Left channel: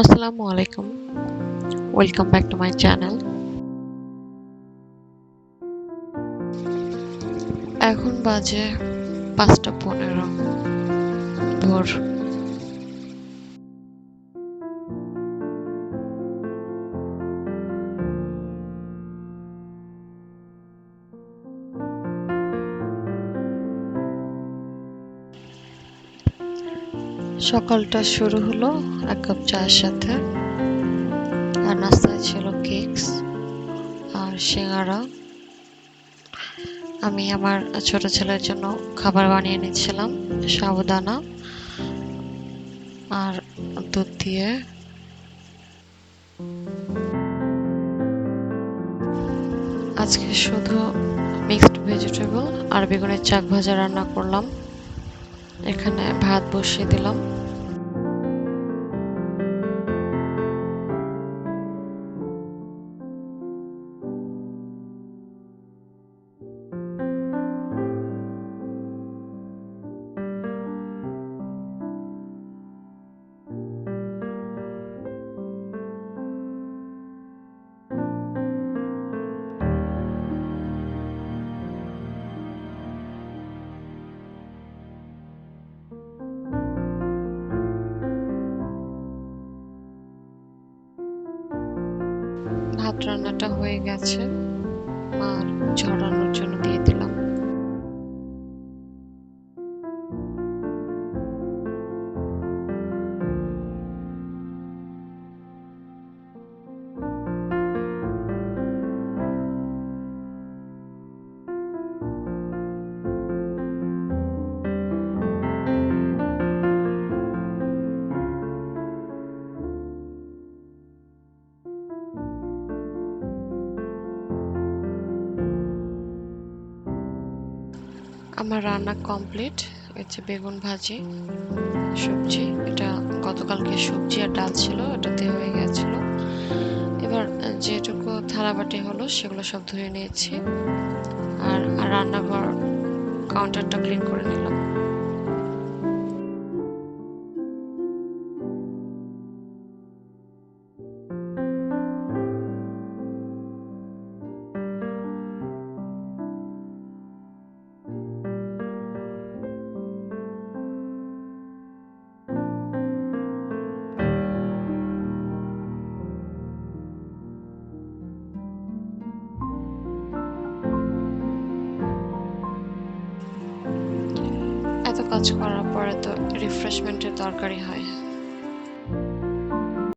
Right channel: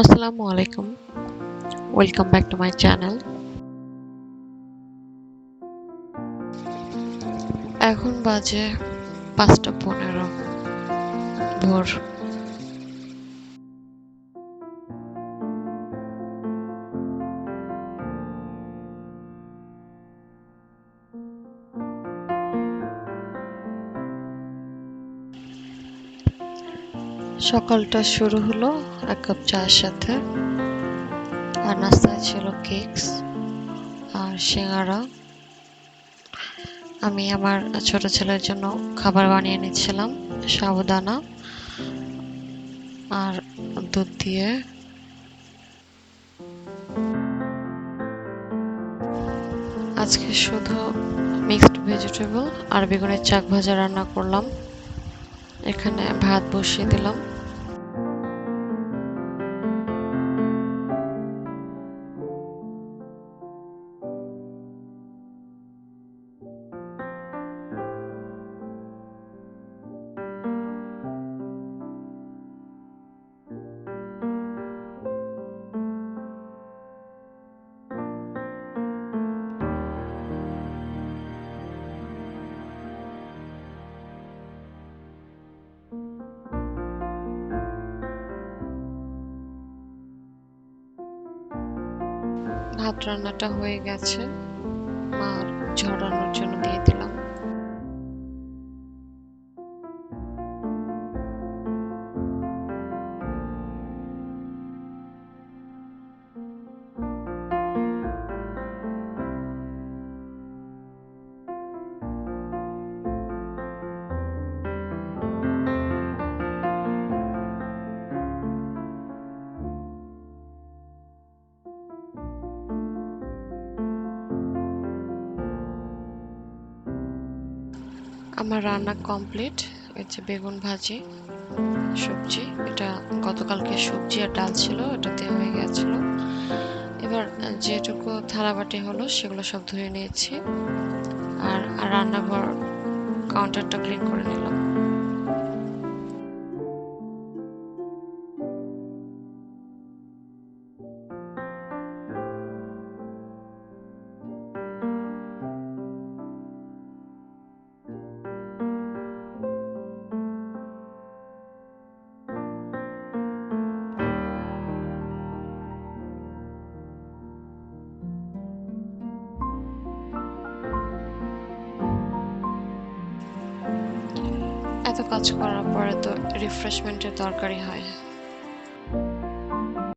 আসসালামু আলাইকুম। Welcome back to my channel. এখন বাজে ৫টা ১৫ ভোর। সকালটা শুরু হলো এক কাপ চায়ের সাথে। আর নাস্তায় ছিল কেকস আর সিঙ্গারা। আমি আমার ছোট ছেলের জন্য খাবার বানিয়ে নিচ্ছিলাম, সাবুদানা আর দুধ দিয়ে। আজকে শুধু মিক্সড ভেজিটেবল আর বেগুনের চাক ভাজা রান্না করলাম। এখানে ভাত বসিয়ে দিলাম। ভাত রান্নাটা হয়ে গেছে, মার ঝরানোর জন্য দিয়ে দিলাম। আমার রান্না কমপ্লিট। এই যে বেগুন ভাজি, সবজি, এটা গতকালকে সবজি আর ডাল ছিল, এটাতে হয়ে গেছিল। এবার যেটুকু থালাবাটি হলো সেগুলো সব ধুয়ে নিয়েছি। আর রান্নাঘর কাউন্টারটা ক্লিন করে নিলাম। এত কাজ করার পরে তো রিফ্রেশমেন্টের দরকারই হয়।